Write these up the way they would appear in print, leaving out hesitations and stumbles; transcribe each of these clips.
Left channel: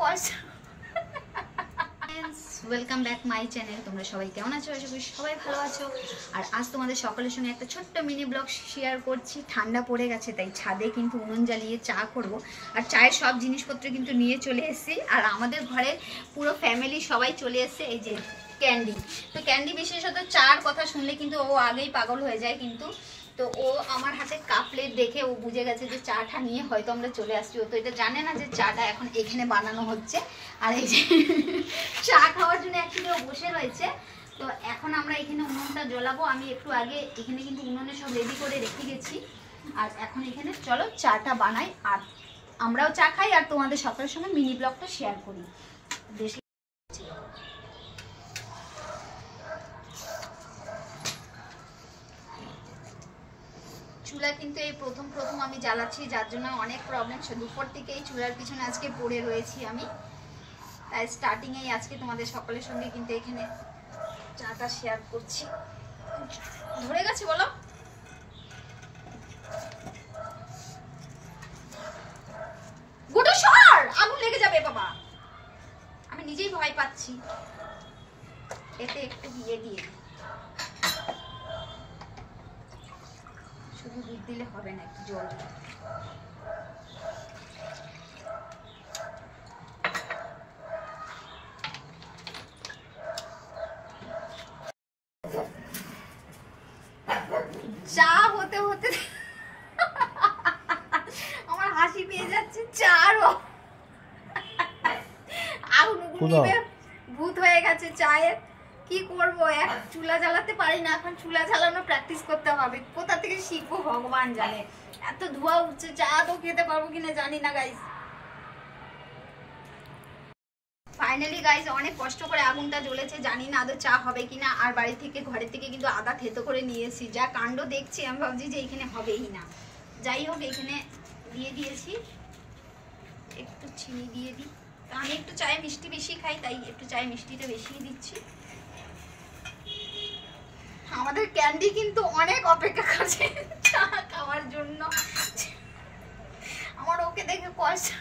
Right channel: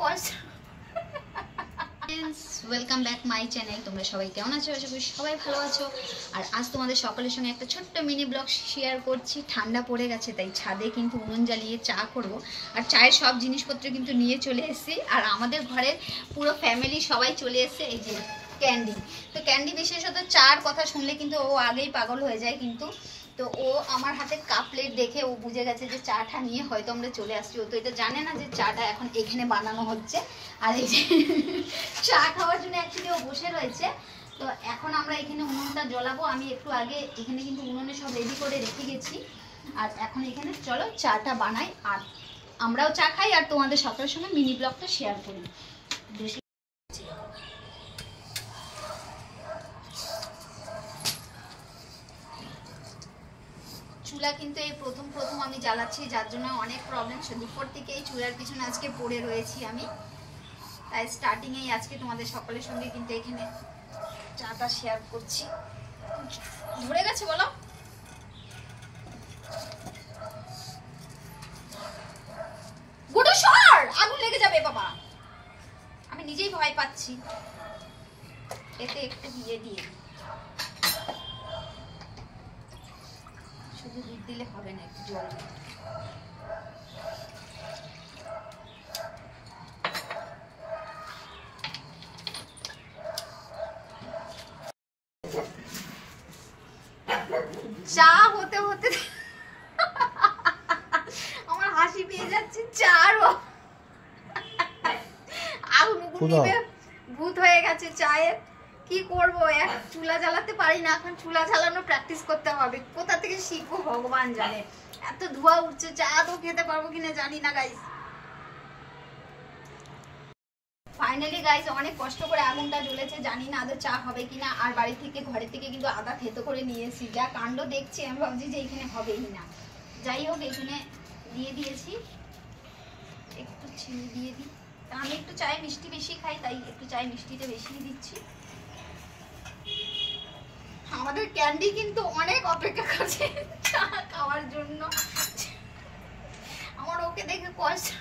পয়সা। Welcome back my channel. তোমরা সবাই কেমন আছো? আশা করি সবাই ভালো আছো। আর আজ তোমাদের সকলের সঙ্গে একটা ছোট্ট মিনি ব্লগ শেয়ার করছি। ঠান্ডা পড়ে গেছে তাই ছাদে কিন্তু উনুন জ্বালিয়ে চা করব। আর চায়ের সব জিনিসপত্র কিন্তু নিয়ে চলে এসেছি। আর আমাদের ঘরের পুরো ফ্যামিলি সবাই চলে এসেছে। এই যে ক্যান্ডি, তো ক্যান্ডি বিশেষত চার কথা শুনলে কিন্তু ও আগেই পাগল হয়ে যায়। কিন্তু তো ও আমার হাতে কাপ প্লেট দেখে ও বুঝে গেছে যে চাটা নিয়ে হয়তো আমরা চলে আসছি। ও তো এটা জানে না যে চাটা এখন এখানে বানানো হচ্ছে। আর এই যে চা খাওয়ার জন্য অ্যাকচুয়ালি ও বসে রয়েছে। তো এখন আমরা এখানে উনুনটা জ্বলাবো। আমি একটু আগে এখানে কিন্তু উনুনে সব রেডি করে রেখে গেছি। আর এখন এখানে চলো চাটা বানাই, আর আমরাও চা খাই আর তোমাদের সকলের সঙ্গে মিনি ব্লগটা শেয়ার করি। বেশি চুলা কিন্তু এই প্রথম আমি জ্বালাচ্ছি, যার জন্য অনেক প্রবলেম। দুপুর থেকে এই চুলার পিছনে আজকে পড়ে রয়েছি আমি। তাই স্টার্টিংয়েই আজকে তোমাদের সকলের সঙ্গে কিন্তু এখানে চাটা শেয়ার করছি। ধরে গেছে বলো? গুডু সর, আগুন লেগে যাবে বাবা। আমি নিজেই ভয় পাচ্ছি। এতে একটু দিয়ে শুধু দুধ দিলে হবে না, একটু জল দিই। চা হতে হতে আমার হাসি পেয়ে যাচ্ছে। চারও আগুন ভূত হয়ে গেছে চায়ের। কি করবো, এক চুলা জ্বালাতে পারি না। এখন চুলা জ্বালানো প্র্যাকটিস করতে হবে। কোথা থেকে শিখবো ভগবান জানে। এত ধোঁয়া উঠছে, চা তো খেতে পারবো কিনা জানি না গাইস। ফাইনালি গাইস অনেক কষ্ট করে আগুনটা জ্বলেছে। জানি না আদৌ চা হবে কিনা। আর বাড়ি থেকে ঘরের থেকে কিন্তু আদা থেতো করে নিয়ে এসেছি। যা কাণ্ড দেখছি আমি ভাবছি যে এখানে হবেই না। যাই হোক এখানে দিয়ে দিয়েছি। একটু চিনি দিয়ে দিই। আমি একটু চায়ে মিষ্টি বেশি খাই, তাই একটু চায়ে মিষ্টিটা বেশি দিচ্ছি। আমাদের ক্যান্ডি কিন্তু অনেক অপেক্ষা করছে চা খাওয়ার জন্য। আমার ওকে দেখে পয়সা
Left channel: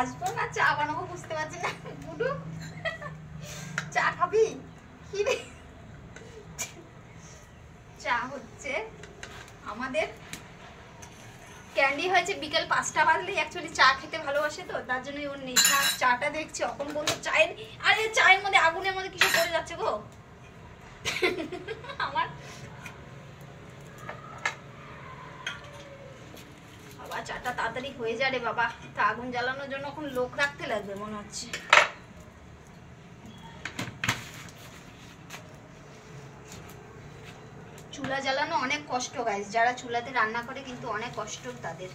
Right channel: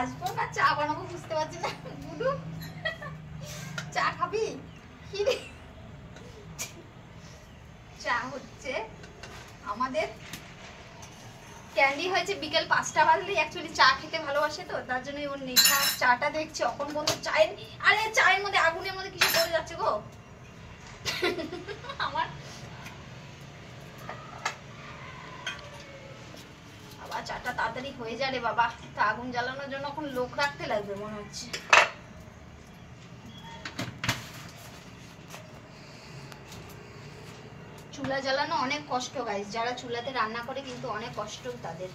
আসবো না, চা বানাবো বুঝতে পারছি না। গুডু চা খাবি? কি রে, চা হচ্ছে। আমাদের ক্যান্ডি হয়েছে বিকেল 5টা বাজলেই অ্যাকচুয়ালি চা খেতে ভালোবাসে, তো তার জন্য ওর নেশা। চাটা দেখছি অখন বন্ধু চায়ের, আরে চায়ের মধ্যে আগুনের মধ্যে কিছু পড়ে যাচ্ছে গো আমার। বাবা চাটা তাড়াতাড়ি হয়ে যাবে বাবা। তা আগুন জ্বালানোর জন্য এখন লোক রাখতে লাগবে মনে হচ্ছে। চুলা জ্বালানো অনেক কষ্ট গাইস। যারা চুলাতে রান্না করে কিন্তু অনেক কষ্ট তাদের।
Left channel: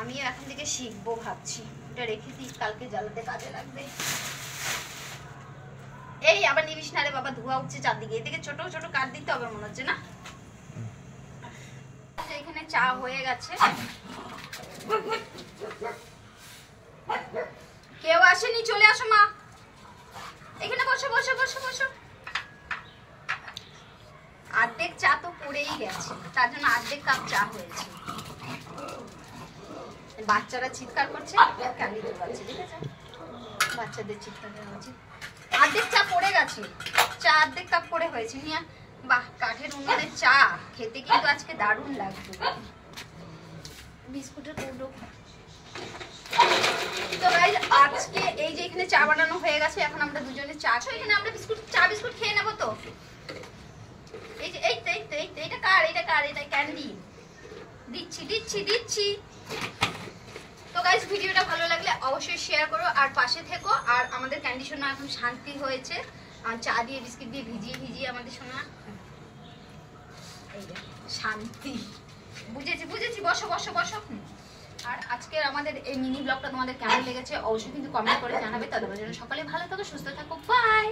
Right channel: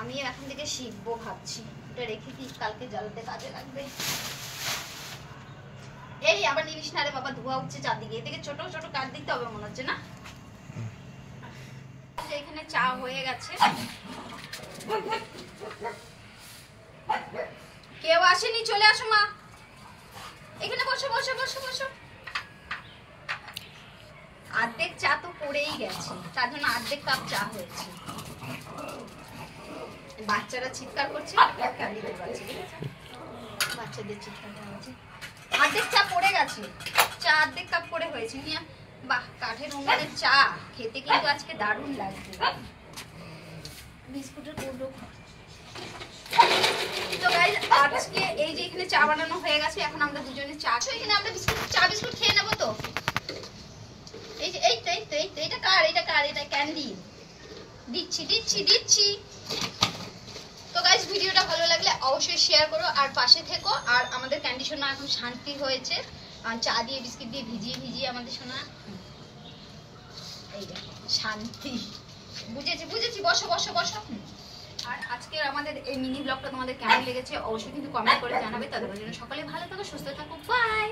আমিও এখন থেকে শিখবো ভাবছি। এটা রেখে দিই, কালকে জ্বালাতে কাজে লাগবে। এই আবার নিবিস না রে বাবা, ধোঁয়া উঠছে চারদিকে। এদিকে ছোট ছোট কাট দিতে হবে মনে হচ্ছে না। এখানে চা হয়ে গেছে। কেউ আসেনি, চলে আসো মা। এখানে বসো বসো বসো বসো। অর্ধেক চা তো পড়েই গেছে, তার জন্য অর্ধেক কাপ চা হয়েছে। বাচ্চারা চিৎকার করছে, বাচ্চাদের চিৎকার হচ্ছে। অর্ধেক চা পড়ে গেছে, চা অর্ধেক কাপ করে হয়েছে। নিয়ে বাহ, কাঠের উনুনের চা খেতে কিন্তু আজকে দারুণ লাগবে। বিস্কুটের টুকরো। তো গাইস আজকে এই যে এখানে চা বানানো হয়ে গেছে। এখন আমরা দুজনে চা খাই। এখানে আমরা চা বিস্কুট খেয়ে নেবো। তো এই যে এইটা কার? এটা ক্যান্ডি। দিচ্ছি। তো গাইস ভিডিওটা ভালো লাগলে অবশ্যই শেয়ার করো আর পাশে থেকো। আর আমাদের ক্যান্ডি সোনা এখন শান্তি হয়েছে। আর চা দিয়ে বিস্কিট দিয়ে ভিজিয়ে আমাদের সোনা এই যে শান্তি। বুঝেছি। বসো। আর আজকের আমাদের এই মিনি ব্লগটা তোমাদের কেমন লেগেছে অবশ্যই কিন্তু কমেন্ট করে জানাবে। ততক্ষণ জন্য সকলে ভালো থাকো, সুস্থ থাকো, বাই।